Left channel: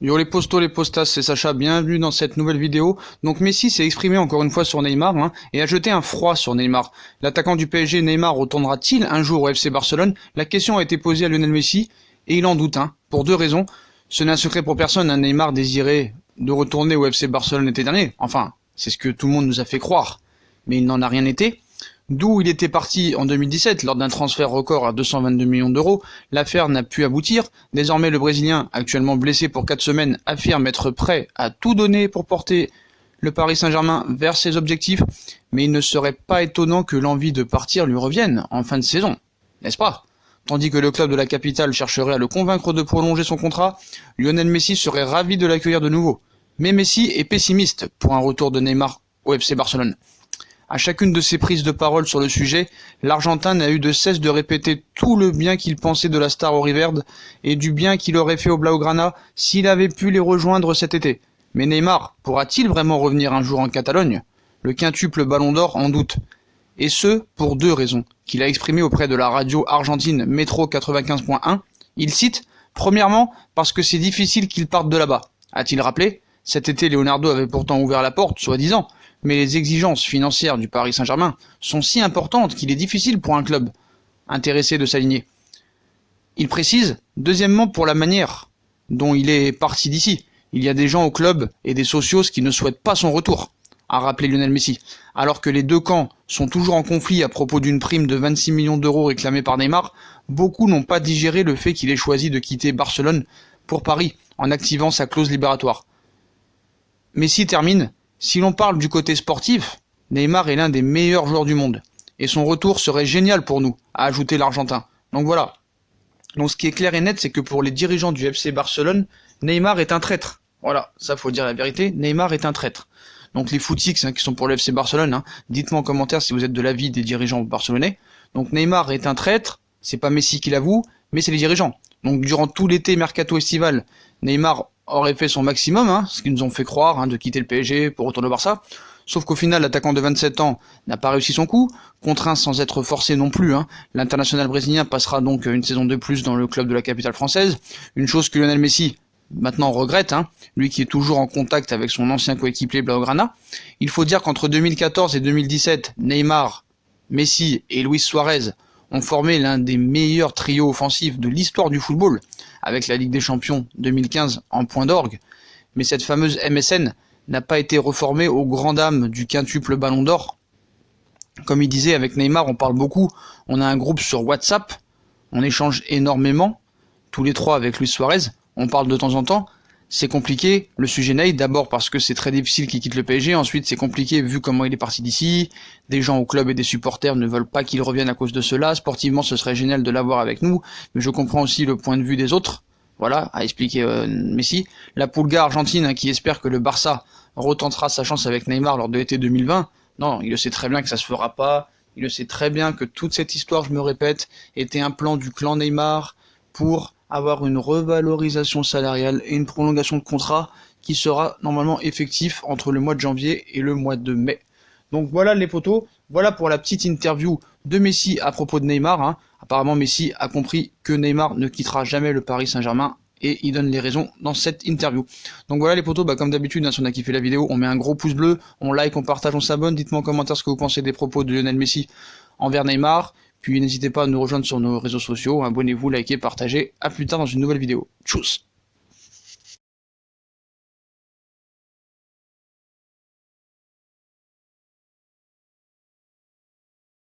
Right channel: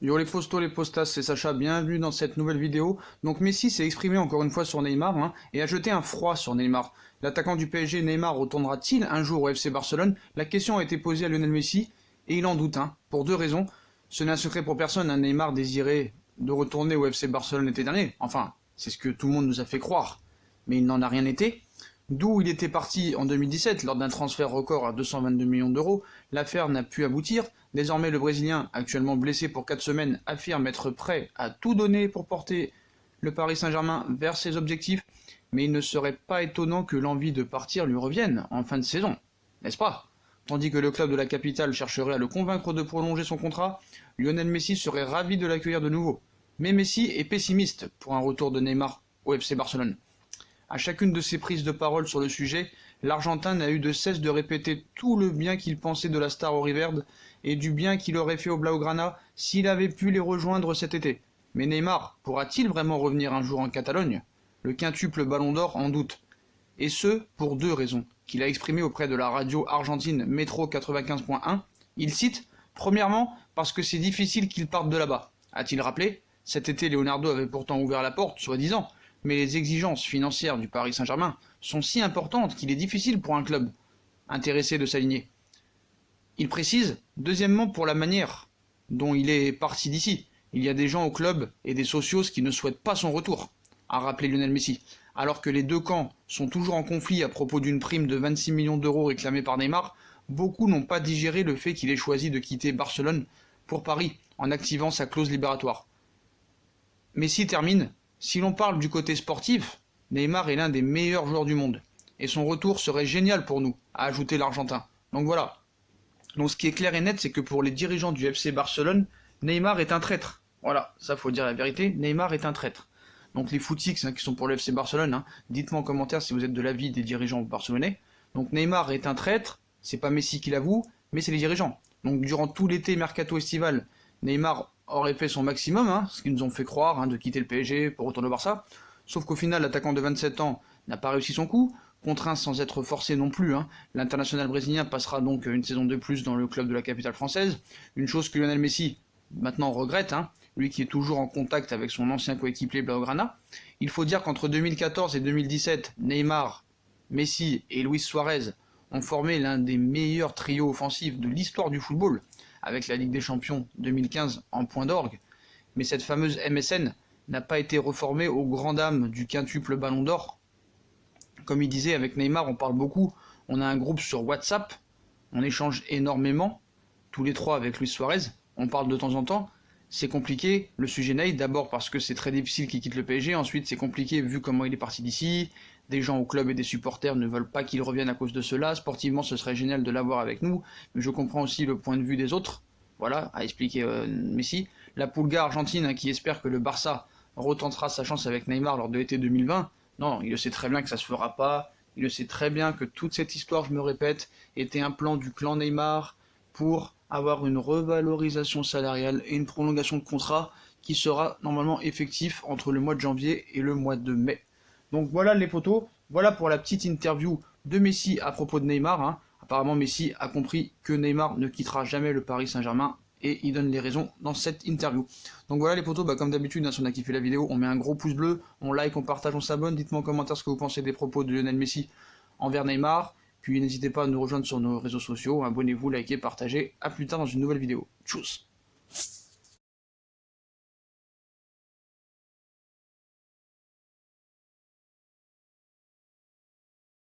Yo les postos, les postas, c'est Sacha, bienvenue dans cette nouvelle vidéo. Donc Messi s'est exprimé encore une fois sur Neymar et a jeté un froid sur Neymar. L'attaquant du PSG Neymar retournera-t-il un jour au FC Barcelone? La question a été posée à Lionel Messi et il en doute, pour deux raisons. Ce n'est un secret pour personne, Neymar désirait de retourner au FC Barcelone l'été dernier. Enfin, c'est ce que tout le monde nous a fait croire. Mais il n'en a rien été. D'où il était parti en 2017 lors d'un transfert record à 222 millions d'euros, l'affaire n'a pu aboutir. Désormais le Brésilien, actuellement blessé pour 4 semaines, affirme être prêt à tout donner pour porter le Paris Saint-Germain vers ses objectifs, mais il ne serait pas étonnant que l'envie de partir lui revienne en fin de saison, n'est-ce pas? Tandis que le club de la capitale chercherait à le convaincre de prolonger son contrat, Lionel Messi serait ravi de l'accueillir de nouveau. Mais Messi est pessimiste pour un retour de Neymar au FC Barcelone. À chacune de ses prises de parole sur le sujet, l'Argentin n'a eu de cesse de répéter tout le bien qu'il pensait de la star Auriverde et du bien qu'il aurait fait au Blaugrana s'il avait pu les rejoindre cet été. Mais Neymar pourra-t-il vraiment revenir un jour en Catalogne? Le quintuple Ballon d'Or en doute. Et ce, pour deux raisons, qu'il a exprimées auprès de la radio argentine Metro 95.1. Il cite « Premièrement, parce que c'est difficile qu'il parte de là-bas », a-t-il rappelé. Cet été, Leonardo avait pourtant ouvert la porte, soi-disant, mais les exigences financières du Paris Saint-Germain sont si importantes qu'il est difficile pour un club intéressé de s'aligner. Il précise, deuxièmement, pour la manière dont il est parti d'ici. Il y a des gens au club et des socios qui ne souhaitent pas son retour, a rappelé Lionel Messi. Alors que les deux camps sont toujours en conflit à propos d'une prime de 26 millions d'euros réclamée par Neymar, beaucoup n'ont pas digéré le fait qu'il ait choisi de quitter Barcelone pour Paris en activant sa clause libératoire. Messi termine. Si l'on parle du côté sportif, Neymar est l'un des meilleurs joueurs du monde. Et son retour serait génial pour nous, a ajouté l'Argentin. Donc voilà. Donc ce qui est clair et net, c'est que pour les dirigeants du FC Barcelone, Neymar est un traître. Voilà, ça faut dire la vérité, Neymar est un traître. Donc les footix qui sont pour le FC Barcelone, dites-moi en commentaire si vous êtes de l'avis des dirigeants barcelonais. Donc Neymar est un traître, c'est pas Messi qui l'avoue, mais c'est les dirigeants. Donc durant tout l'été mercato estival, Neymar aurait fait son maximum, ce qu'ils nous ont fait croire, de quitter le PSG pour retourner au Barça. Sauf qu'au final, l'attaquant de 27 ans n'a pas réussi son coup, contraint sans être forcé non plus. L'international brésilien passera donc une saison de plus dans le club de la capitale française, une chose que Lionel Messi maintenant regrette, lui qui est toujours en contact avec son ancien coéquipier Blaugrana. Il faut dire qu'entre 2014 et 2017, Neymar, Messi et Luis Suarez ont formé l'un des meilleurs trios offensifs de l'histoire du football, avec la Ligue des Champions 2015 en point d'orgue, mais cette fameuse MSN n'a pas été reformée aux grandes dames du quintuple Ballon d'Or. Comme il disait, avec Neymar, on parle beaucoup, on a un groupe sur WhatsApp, on échange énormément, tous les trois avec Luis Suarez, on parle de temps en temps. C'est compliqué, le sujet Ney, d'abord parce que c'est très difficile qu'il quitte le PSG, ensuite c'est compliqué vu comment il est parti d'ici, des gens au club et des supporters ne veulent pas qu'il revienne à cause de cela, sportivement ce serait génial de l'avoir avec nous, mais je comprends aussi le point de vue des autres, voilà, a expliqué Messi. La Pulga argentine qui espère que le Barça retentera sa chance avec Neymar lors de l'été 2020, non, il le sait très bien que ça se fera pas, il le sait très bien que toute cette histoire, je me répète, était un plan du clan Neymar pour avoir une revalorisation salariale et une prolongation de contrat qui sera normalement effectif entre le mois de janvier et le mois de mai. Donc voilà les potos, voilà pour la petite interview de Messi à propos de Neymar. Apparemment Messi a compris que Neymar ne quittera jamais le Paris Saint-Germain et il donne les raisons dans cette interview. Donc voilà les potos, comme d'habitude, si on a kiffé la vidéo, on met un gros pouce bleu, on like, on partage, on s'abonne, dites-moi en commentaire ce que vous pensez des propos de Lionel Messi envers Neymar. Puis n'hésitez pas à nous rejoindre sur nos réseaux sociaux, abonnez-vous, likez, partagez. A plus tard dans une nouvelle vidéo. Tchuss.